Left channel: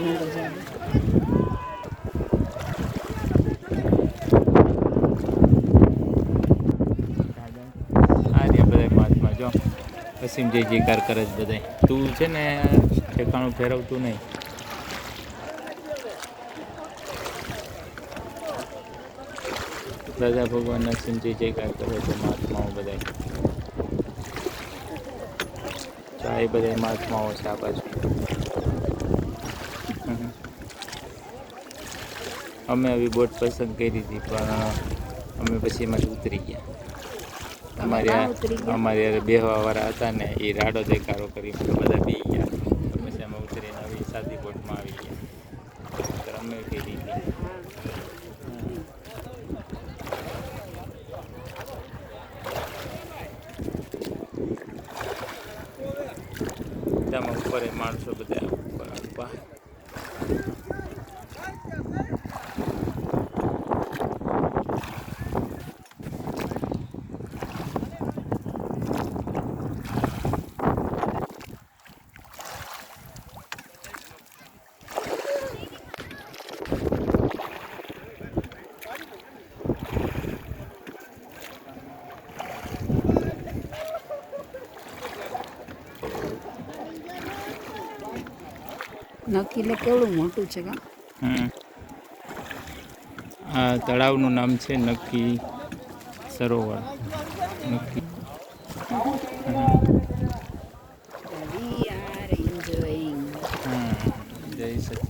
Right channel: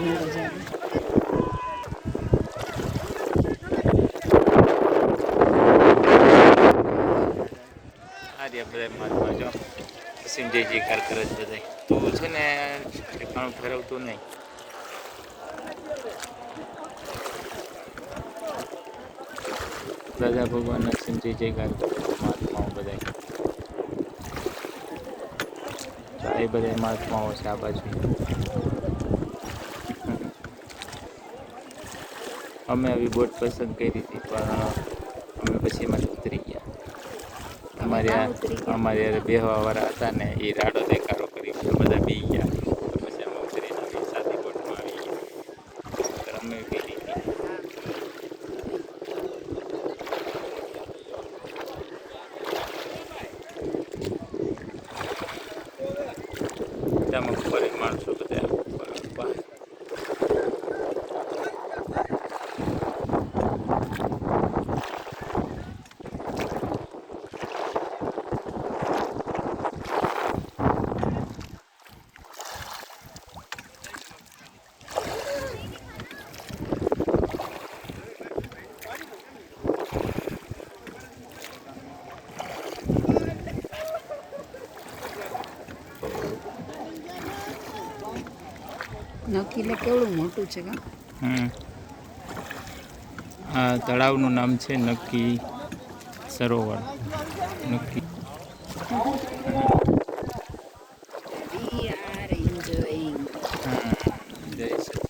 બધા માથમાં જો વસીમ જય જયકાર કરે છે બધા. તું છે ને ઠેકાણું ફેરવતું નહીં. રાજા ભગવાનના વસીમ જય જયકાર કરે છે મહાત્માઓ બધા. આ બધા મહાત્માઓ છે આ બાજુ. અમે આવી બોટ પસંદ કરી હતી પણ અમે પછી એમાંથી ઉતરી ગયા. અમારે બેહવાવાળા હતા ને એ રાડો દેખાડો કરી બધા પી ગયા. તો પછી અમે ઉતરીને આવી સાદી બોટમાં આવી ગયા. અમે કરી હતી. ત્યાં ઉપર માણસો બધા ઉપર. નક્કી કેવડું મોટું છે કે આ તળાવનું નામ છે નક્કી સરોવર. નક્કી જય સચિન.